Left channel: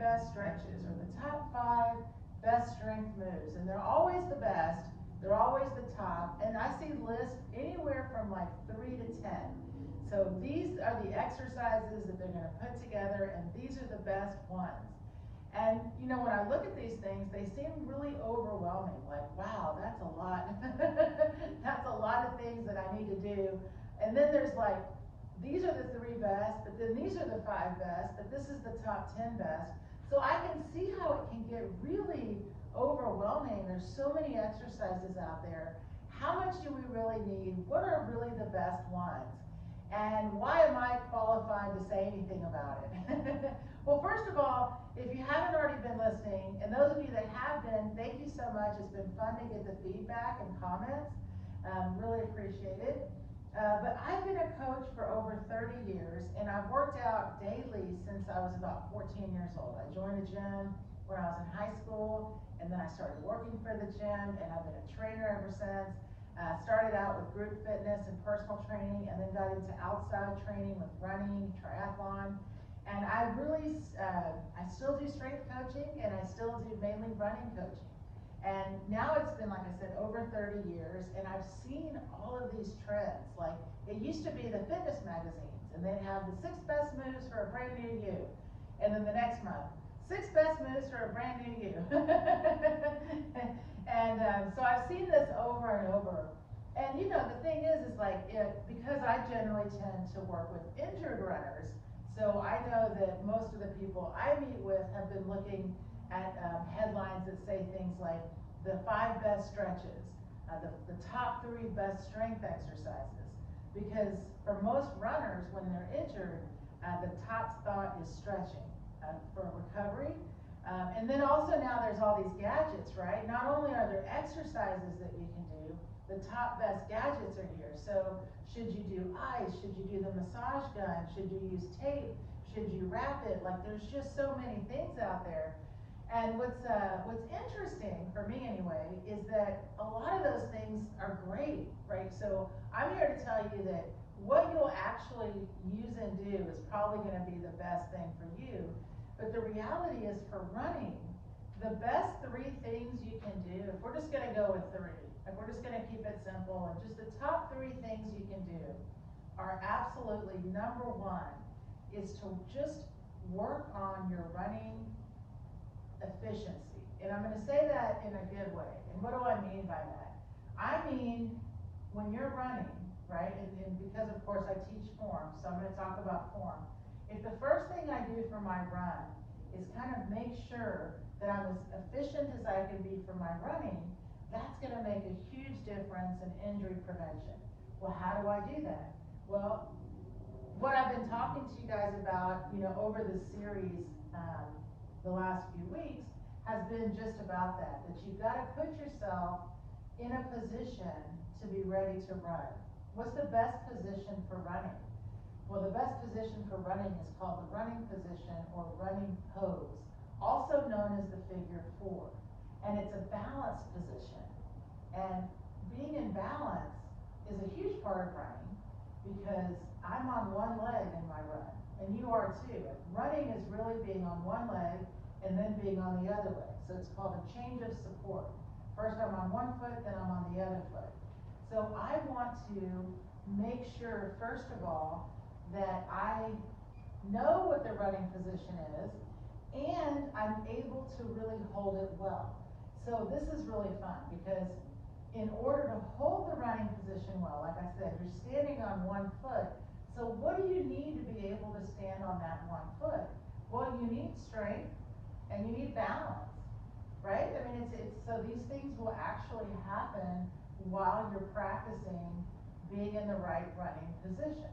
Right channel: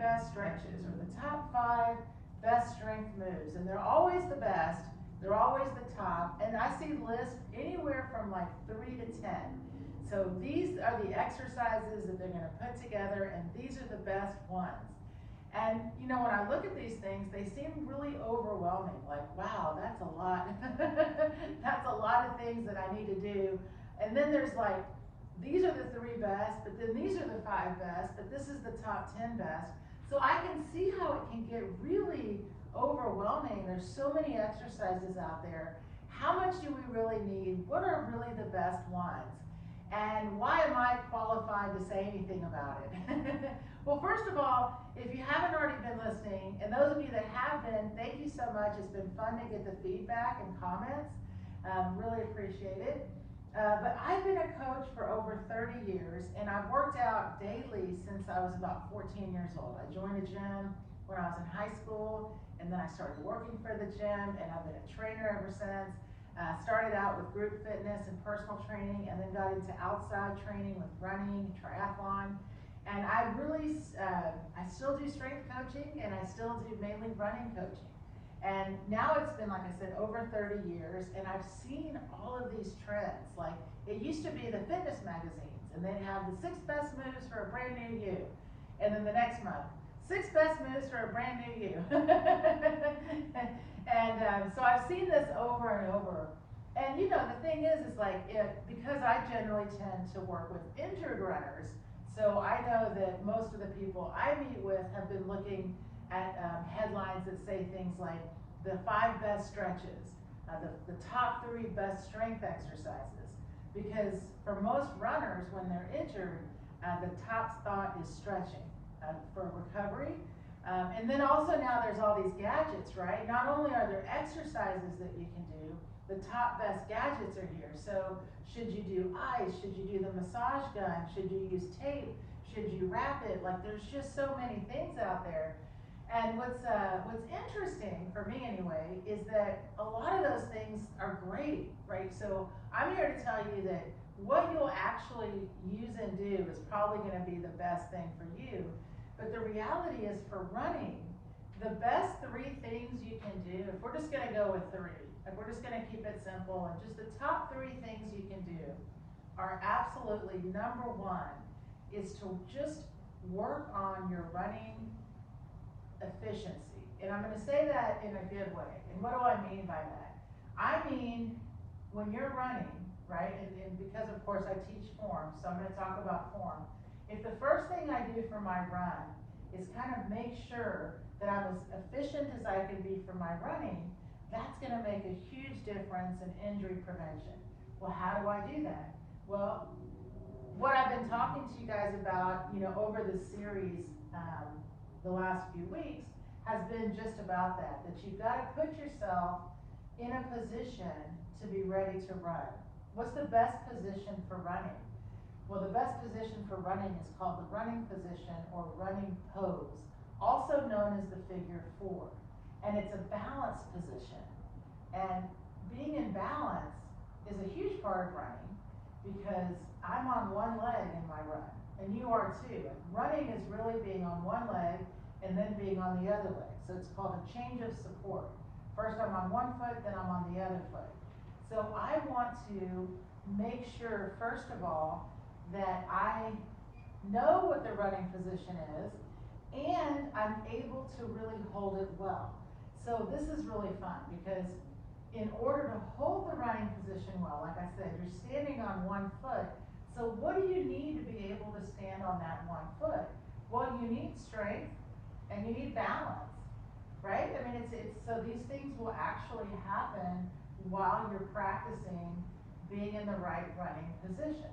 best stretches or the top 5 best strength moves. And they're always the best. They're always the top. And I see lists anywhere from like 3 to 10. So these are the exercises that they're going to put together, and these are the best ones. And you know, when I look at these things, they seem really overwhelming. Like, wow, that's a lot. That's a lot of things that I need to do. And then there's like, these are the 3 best, but then these are the 5 best, but this is the top 10 best. So I can see how it can get really overwhelming. There's so many exercises out there. How much do we really need? What are really the best ones? And why am I qualified to say anything about it? Well, first of all, if you haven't already been listening, and those of you that have been, thank you so much. It's been fun to get the feedback and comments. Really appreciate it. But I've been a coach for over 30 years, and I've worked out daily since I was about 14 years old. I joined a gym when I was in high school, and then I started working for the gym, and I've been a trainer ever since. Started out with group fitness and personal training, and then got into outside training with running, triathlon. And I really, I still do strength coaching, and I still do mainly running coaching. And now it's been, like I said, over 30 years, and I've seen all of these trends. Like, it used to be the fitness magazines, and they'd have the 6 best moves for a brand new you. And then the next month, 6 best moves for a brand new you. So I've seen this over and over. And you know, the thing is like, because I generally tend to work with injured runners, so I know that most of the people I meet with have been looking at headlines that say things like the 5 best stretches, the top 3 best strength exercises. Because for most runners, when they're injured, the top thought is stretching for recovery. And then also now there's all these gadgets, right? Not only are there exercises that you can do, the top best gadgets are here. So should you do ice? Should you do the massage gun? Should you use tape? Should you wrap it? Like, there's just so many things out there. And what's interesting, for me anyway, is that a lot of those things are great, right? So I'm here to tell you that what you'll actually use and do is probably going to be the best thing for you. But the reality is, for running, the best 3 things you can do, if we're just going to go with 3, if we're just going to keep it simple, and just the top 3 things you can do are absolutely, number 1 is to just work on your running efficiency. And I'm going to say that in a good way. And what do I mean by that? I mean, when you're running, right, and because of course I teach form, so I'm going to talk about form. If the first thing I do for my run is kind of make sure that I'm as efficient as I can be for my running, that's going to make a huge difference in injury prevention. Well, how do I do that? Well, what I've been talking to you guys about, you know, over this series the last few weeks has been just about that you've got to put yourself in a position to be ready to run. What's the best position for running? Well, the best position for running is called the running position or running pose, also known as the figure 4. And it's a balanced position. And being in balance is a huge part of running, because I'm on one leg in my run, and you are too. Running is really being on one leg and then being on the other leg. So it's called a change of support. First I'm on one foot, then I'm on the other foot. So I want to make sure, first of all, that I know what the running position is, and I'm able to really hold it well. So this is really fun, because in order to hold the running position well, like I said, you're standing on one foot. So what do you need to be able to stand on that one foot? Well, you need strength and you need balance, right? I mean, so these things will actually happen while you're practicing being in the right running position,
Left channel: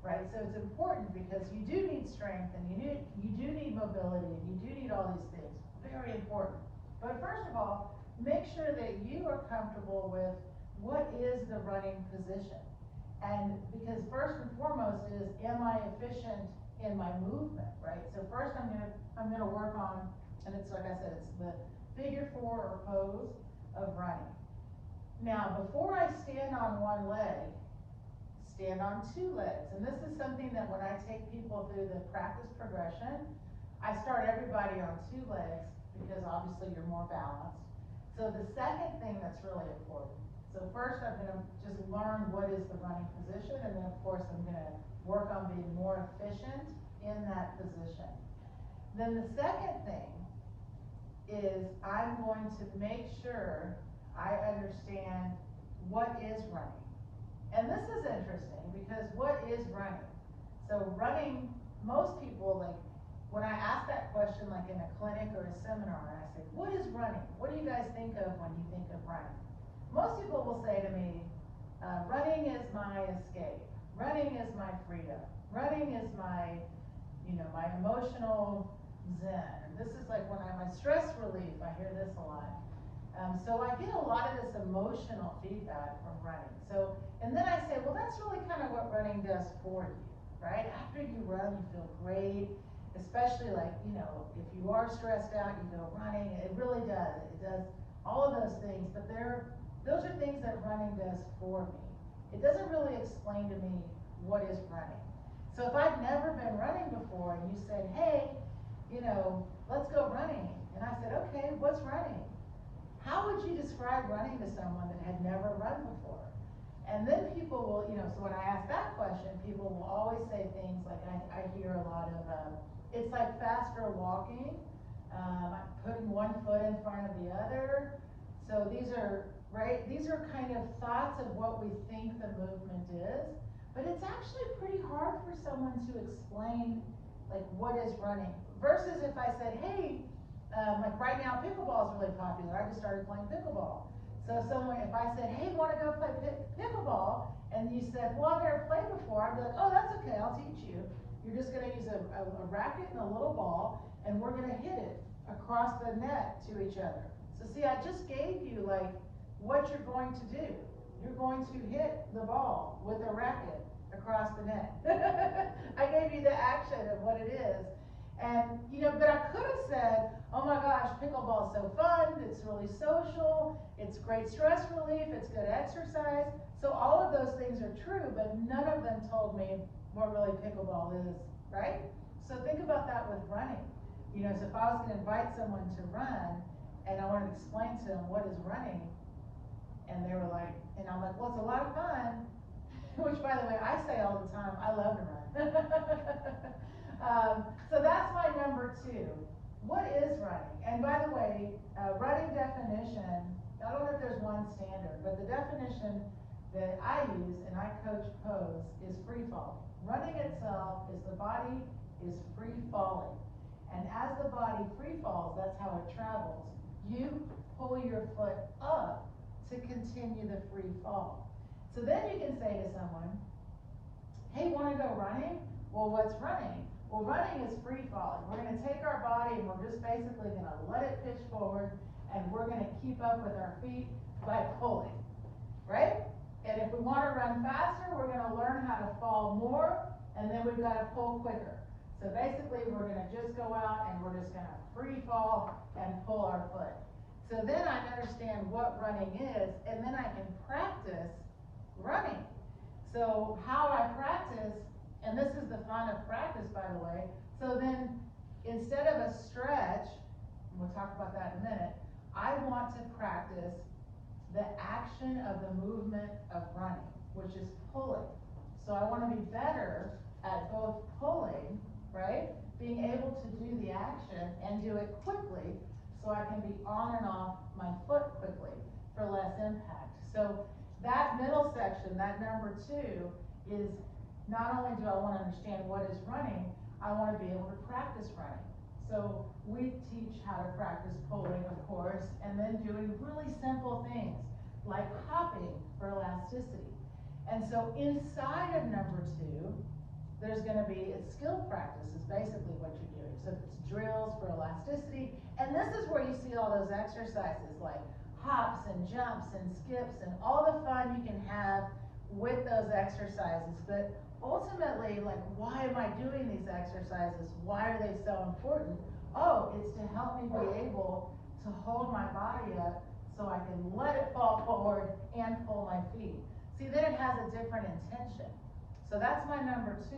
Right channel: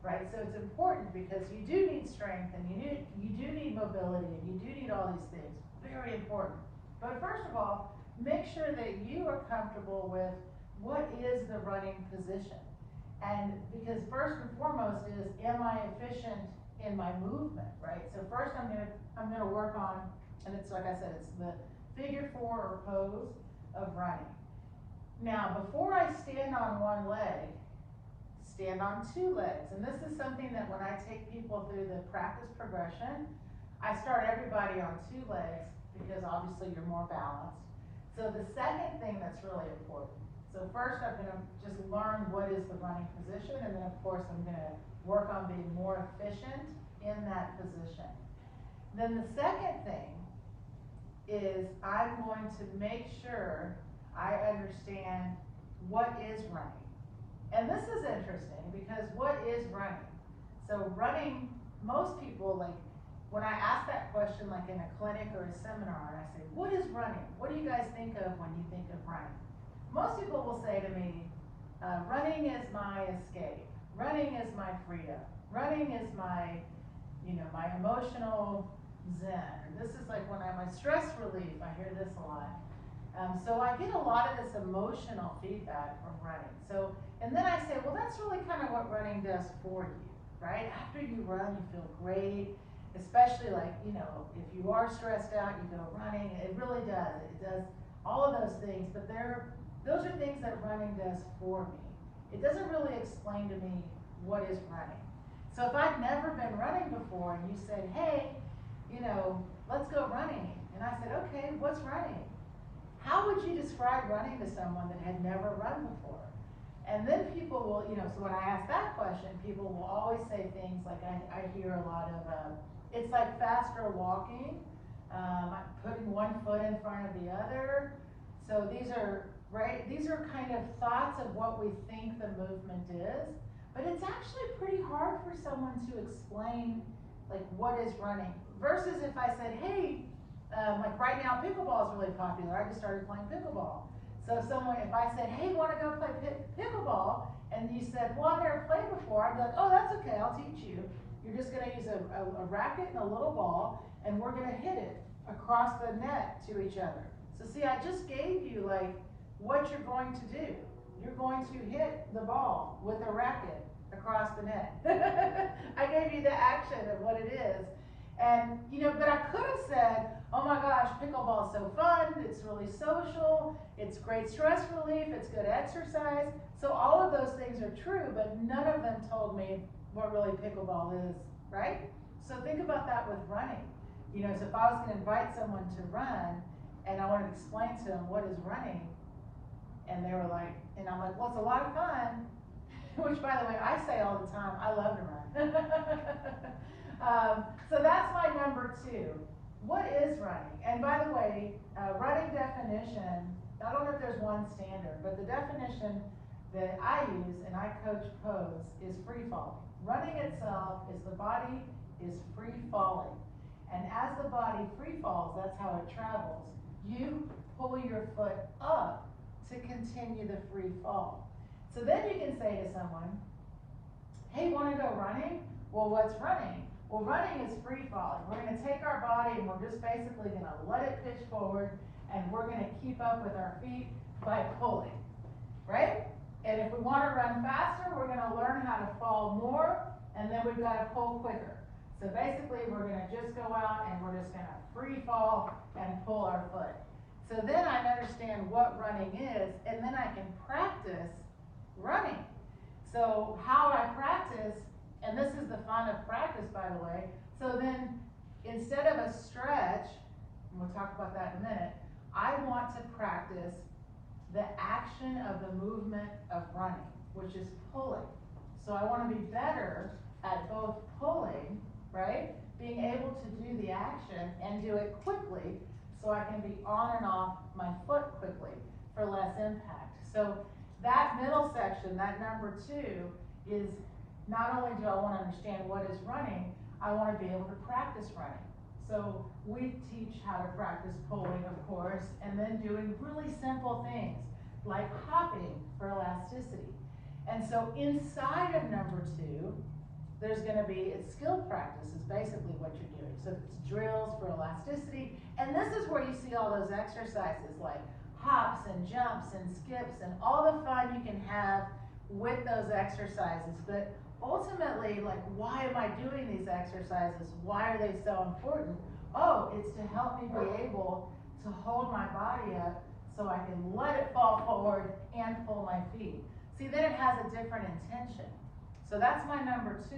right? So it's important, because you do need strength and you do need mobility and you do need all these things. Very important. But first of all, make sure that you are comfortable with what is the running position. And because first and foremost is, am I efficient in my movement, right? So first I'm gonna work on, and it's like I said, it's the figure 4 or pose of running. Now, before I stand on one leg, stand on 2 legs. And this is something that when I take people through the practice progression, I start everybody on the second thing is I'm going to make sure I understand what is running. And this is interesting because what is running? So running, most people, like when I ask that question like in a clinic or a seminar and I say, what is running? What do you guys think of when you think of running? Most people will say to me, running is my escape. Running is my freedom. Running is my, my emotional zen. And this is like when I'm my stress relief. I hear this a lot. So I get a lot of this emotional feedback from running. So, and then I say, well, that's really kind of what running does for you, right? After you run, you feel great, especially like, if you are stressed out, you go running. It really does. It does all of those things, but those are things that running does for me. It doesn't really explain to me what is running. So if I've never been running before and you said, hey, let's go running. And I said, okay, what's running? How would you describe running to someone that had never run before? And then people will, so when I ask that question, people will always say things like, I hear a lot of, it's like faster walking, putting one foot in front of the other. So these are kind of thoughts of what we think the movement is, but it's actually pretty hard for someone to explain like what is running. Versus if I said, hey, like right now pickleball is really popular. I just started playing pickleball. So if I said, hey, want to go play pickleball, and you said, well, I've never played before, I'd be like, oh, that's okay, I'll teach you. You're just going to use a racket and a little ball, and we're going to hit it across the net to each other. So see, I just gave you like what you're going to do. You're going to hit the ball with a racket across the net. I gave you the action of what it is. And, but I could have said, oh my gosh, pickleball is so fun, it's really social, it's great stress relief, it's good exercise. So all of those things are true, but none of them told me what really pickleball is, right? So think about that with running. So if I was going to invite someone to run, and I wanted to explain to them what is running, and they were like, and I'm like, well, it's a lot of fun, which by the way, I say all the time, I love to run. So that's my number 2. What is running? And by the way, running definition, I don't know if there's one standard, but the definition that I use and I coach pose is free falling. Running itself is the body is free falling. And as the body free falls, that's how it travels. You pull your foot up to continue the free fall. So then you can say to someone, hey, want to go running? Well, what's running? Well, running is free falling. We're going to take our body and we're just basically going to let it pitch forward, and we're going to keep up with our feet by pulling, right? And if we want to run faster, we're going to learn how to fall more, and then we've got to pull quicker. So basically, we're going to just go out and we're just going to free fall and pull our foot. So then I understand what running is, and then I can practice running. So how I practice, and this is the fun of practice, by the way. So then, instead of a stretch, and we'll talk about that in a minute, I want to practice the action of the movement of running, which is pulling. So I want to be better at both pulling, right, being able to do the action and do it quickly, so I can be on and off my foot quickly for less impact. So that middle section, that number 2, is not only do I want to understand what is running, I want to be able to practice running. So we teach how to practice pulling, of course, and then doing really simple things like hopping for elasticity. And so inside of number 2, there's going to be skill practice is basically what you're doing. So it's drills for elasticity. And this is where you see all those exercises like hops and jumps and skips and all the fun you can have with those exercises. But ultimately, like, why am I doing these exercises? Why are they so important? Oh, it's to help me be able to hold my body up so I can let it fall forward and pull my feet. See, then it has a different intention. So that's my number 2.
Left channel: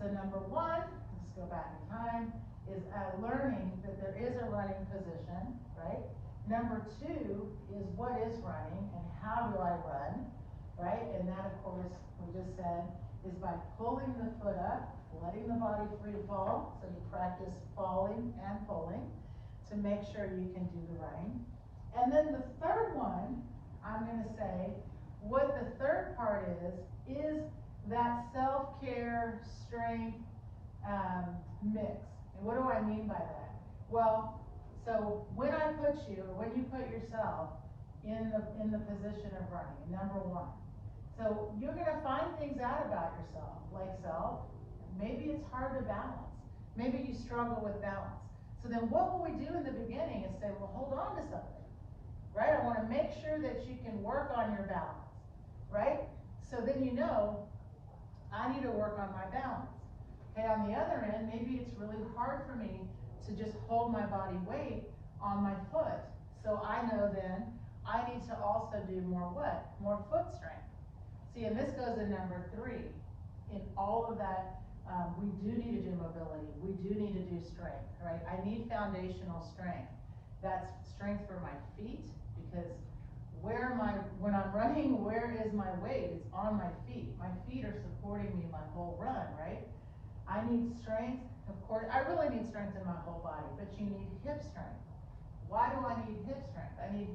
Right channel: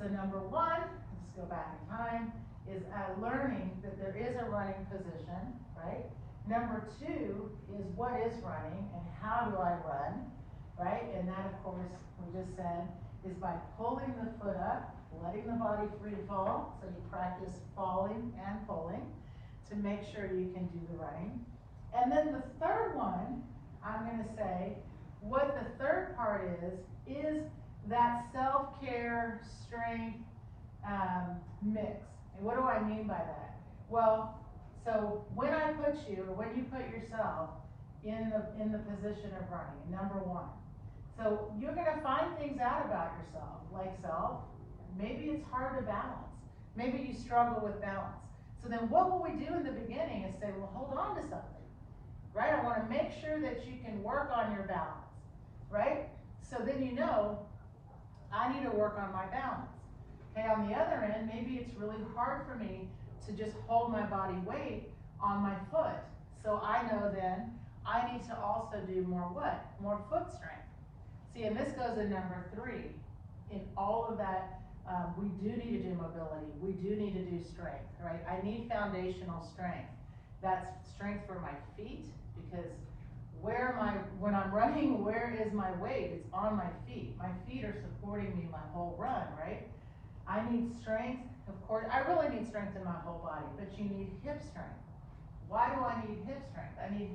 So number 1, let's go back in time, is learning that there is a running position, right? Number 2 is what is running and how do I run, right? And that, of course, we just said, is by pulling the foot up, letting the body free fall, so you practice falling And then the third one, I'm going to say, what the third part is that self-care, strength mix. And what do I mean by that? Well, so when I put you, or when you put yourself in the position of running, number one, so you're going to find things out about yourself, like maybe it's hard to balance. Maybe you struggle with balance. So then what will we do in the beginning is say, well, hold on to something, right? I want to make sure that you can work on your balance, right? So then you know, I need to work on my balance. Okay, on the other end, maybe it's really hard for me to just hold my body weight on my foot. So I know then I need to also do more what? More foot strength. See, and this goes in number 3. In all of that, we do need to do mobility. We do need to do strength, right? I need foundational strength. That's strength for my feet, because when I'm running, where is my weight? It's on my feet. My feet are supporting me my whole run, right? I need strength, of course. I really need strength in my whole body, but you need hip strength. Why do I need hip strength? I need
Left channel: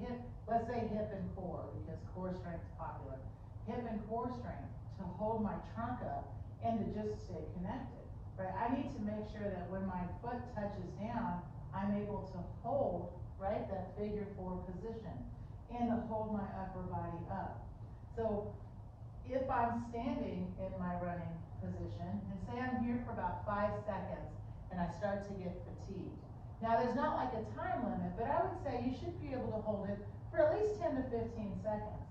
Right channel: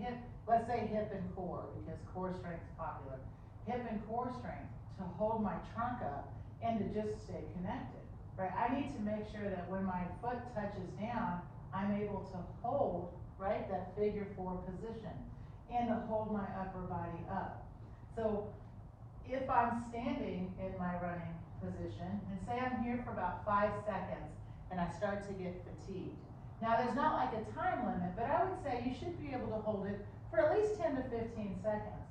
let's say hip and core, because core strength is popular. Hip and core strength to hold my trunk up and to just stay connected, right? I need to make sure that when my foot touches down, I'm able to hold, right, that figure 4 position and to hold my upper body up. So if I'm standing in my running position, and say I'm here for about 5 seconds and I start to get fatigued. Now there's not like a time limit, but I would say you should be able to hold it for at least 10 to 15 seconds.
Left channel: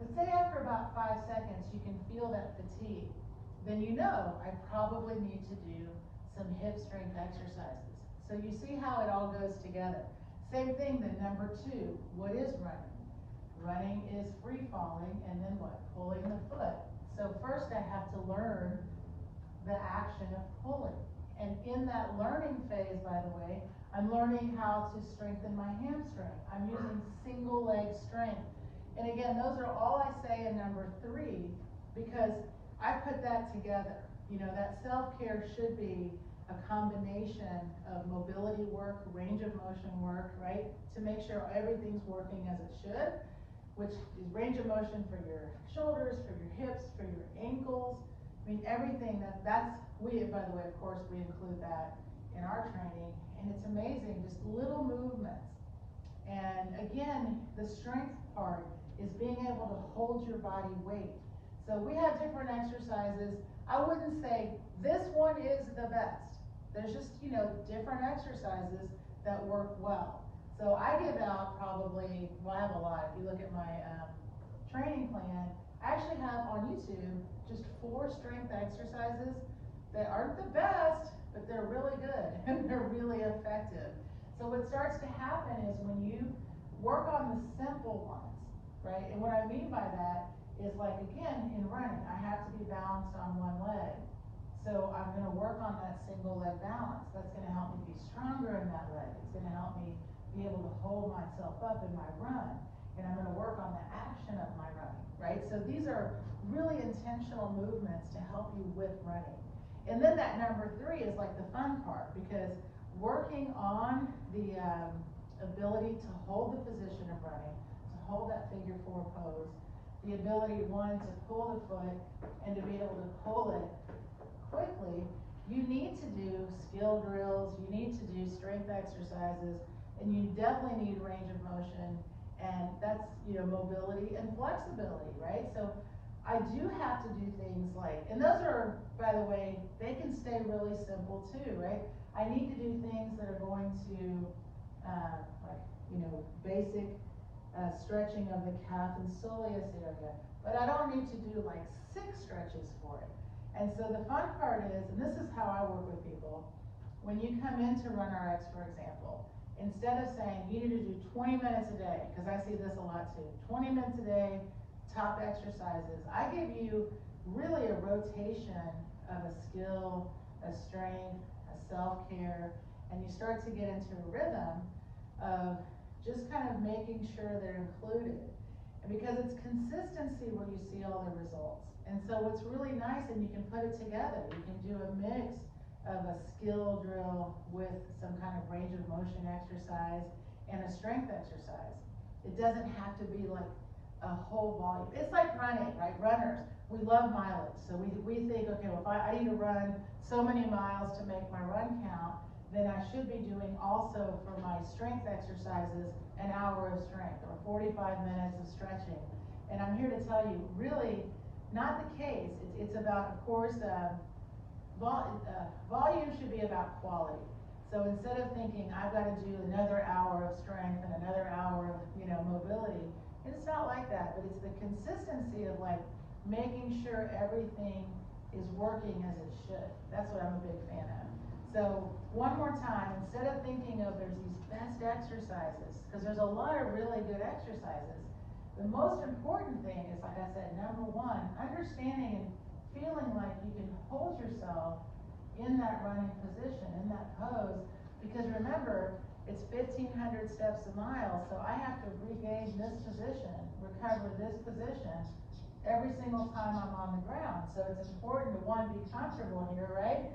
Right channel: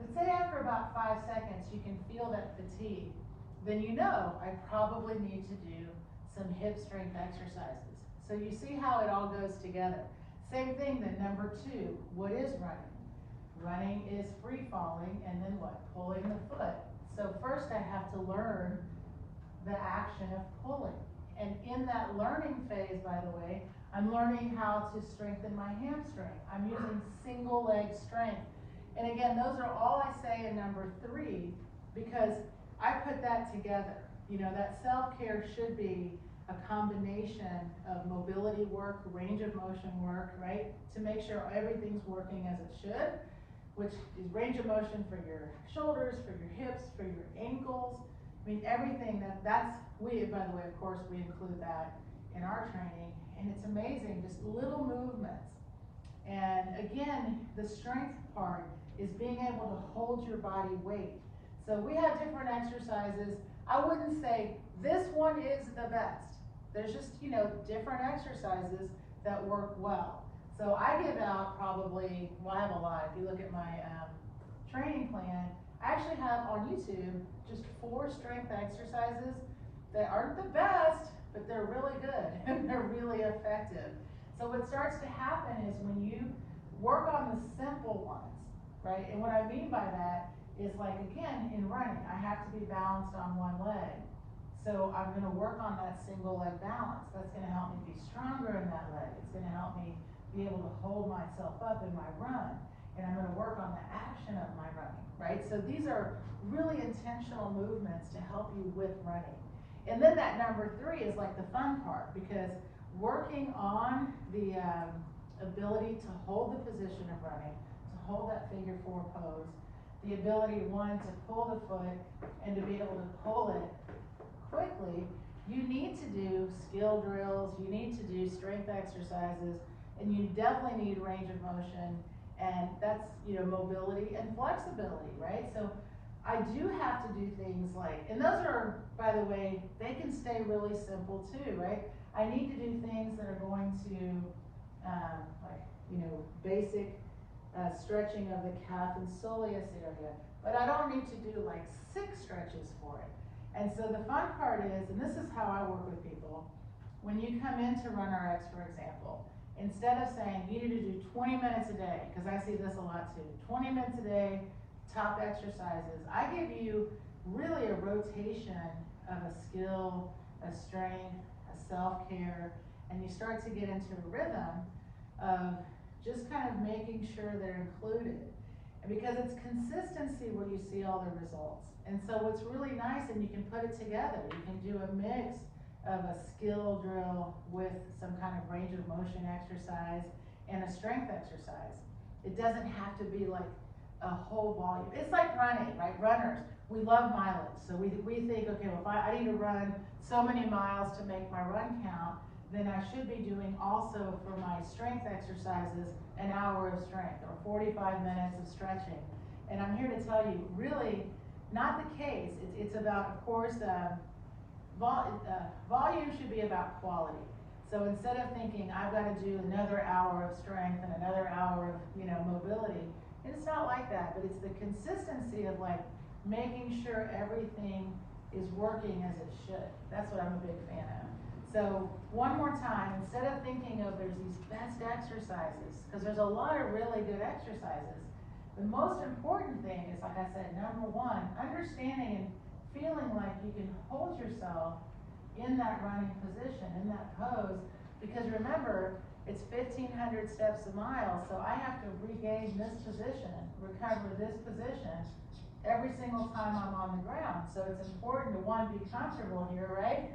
But say after about 5 seconds you can feel that fatigue, then you know I probably need to do some hip strength exercises. So you see how it all goes together. Same thing then, number 2, what is running? Running is free falling, and then what? Pulling the foot. So first I have to learn the action of pulling. And in that learning phase, by the way, I'm learning how to strengthen my hamstring. I'm using single leg strength. And again, those are all I say in number 3, because I put that together. You know, that self-care should be a combination of mobility work, range of motion work, right? To make sure everything's working as it should, which is range of motion for your shoulders, for your hips, for your ankles. I mean, everything by the way, of course, we include that in our training, and it's amazing, just little movements. And again, the strength part is being able to hold your body weight. So we have different exercises. I wouldn't say this one is the best. There's just, different exercises that work well. So I give out probably, I have a lot. If you look at my training plan, I actually have on YouTube just 4 strength exercises that aren't the best, but they're really good and they're really effective. So what starts to happen is when you work on the simple ones, right? And what I mean by that is, like, again, in running, I have to be balanced on one leg. So I'm going to work on that single leg balance. That's going to help me be stronger in that leg. It's going to help me be able to hold myself up in my run. And I'm going to work on the action of my running, right? So these are really intentional movements to help you with running. And then that number 3 is like the fun part, because working on the ability to hold the position of running, to hold that figure 4 pose, the ability, 1, to pull the foot and to be able to pull it quickly, you need to do skill drills, you need to do strength exercises, and you definitely need range of motion, and that's, mobility and flexibility, right? So I do have to do things like, and those are, by the way, they can stay really simple too, right? I need to do things that are going to, basic stretching of the calf and soleus area, but I don't need to do like 6 stretches for it. And so the fun part is, and this is how I work with people, when you come in to run RX, for example, instead of saying you need to do 20 minutes a day, because I see this a lot too, 20 minutes a day, top exercises, I give you really a rotation of a skill, a strength, a self-care, and you start to get into a rhythm of just kind of making sure they're included. And because it's consistency where you see all the results. And so what's really nice, and you can put it together, you can do a mix of a skill drill with some kind of range of motion exercise and a strength exercise. It doesn't have to be like a whole volume. It's like running, right? Runners, we love mileage. So we think, okay, well, if I need to run so many miles to make my run count, then I should be doing also for my strength exercises an hour of strength or 45 minutes of stretching. And I'm here to tell you, really, not the case. It's about, of course, volume should be about quality. So instead of thinking I've got to do another hour of strength and another hour of mobility, it's not like that. But it's the consistency of like making sure everything is working as it should. That's what I'm a big fan of. So one more time, instead of thinking of there's these best exercises, because there's a lot of really good exercises, the most important thing is, like I said, number one, understanding and feeling like you can hold yourself in that running position, in that pose, because remember, it's 1,500 steps a mile, so I have to regain this position, recover this position every single time I'm on the ground. So it's important to, one, be comfortable here, right?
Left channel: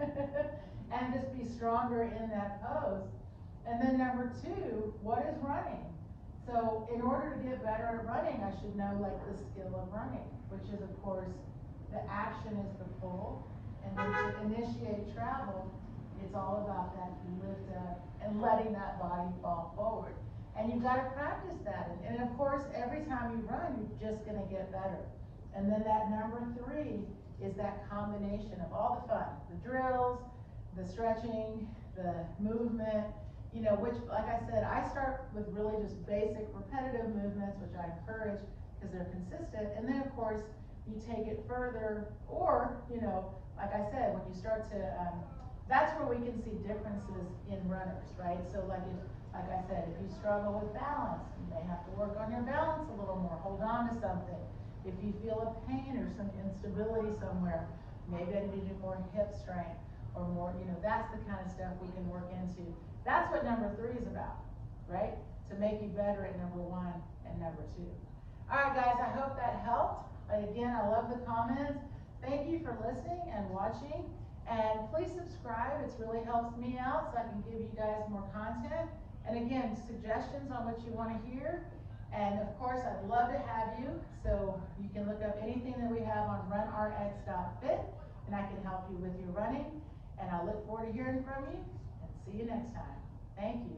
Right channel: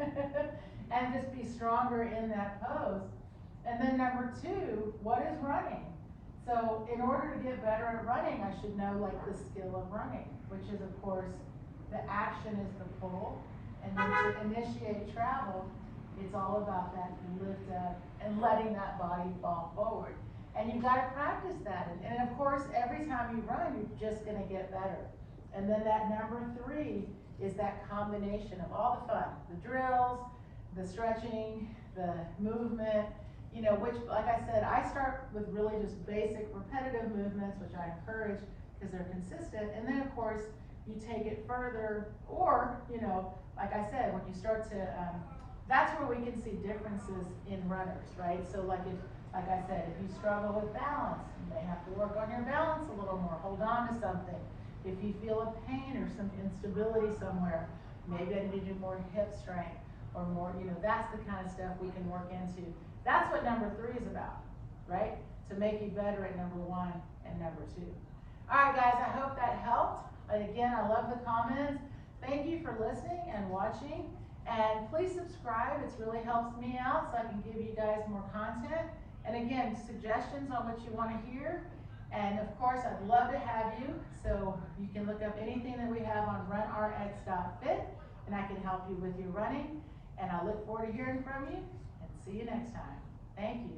And just be stronger in that pose. And then number two, what is running? So in order to get better at running, I should know like the skill of running, which is, of course, the action is the pull, and then to initiate travel, it's all about that lift up and letting that body fall forward. And you've got to practice that. And of course, every time you run, you're just going to get better. And then that number three is that combination of all the fun, the drills, the stretching, the movement, which, like I said, I start with really just basic repetitive movements, which I encourage because they're consistent. And then, of course, you take it further, or, like I said, when you start to, that's where we can see differences in runners, right? So like I said, if you struggle with balance, you may have to work on your balance a little more, hold on to something. If you feel a pain or some instability somewhere, maybe I need to do more hip strength or more, that's the kind of stuff we can work into. That's what number three is about, right? To make you better at number one and number two. All right, guys, I hope that helped. Again, I love the comments. Thank you for listening and watching. And please subscribe. It really helps me out so I can give you guys more content. And again, suggestions on what you want to hear. And of course, I'd love to have you. So you can look up anything that we have on runrx.fit, and I can help you with your running. And I look forward to hearing from you, and see you next time. Thank you.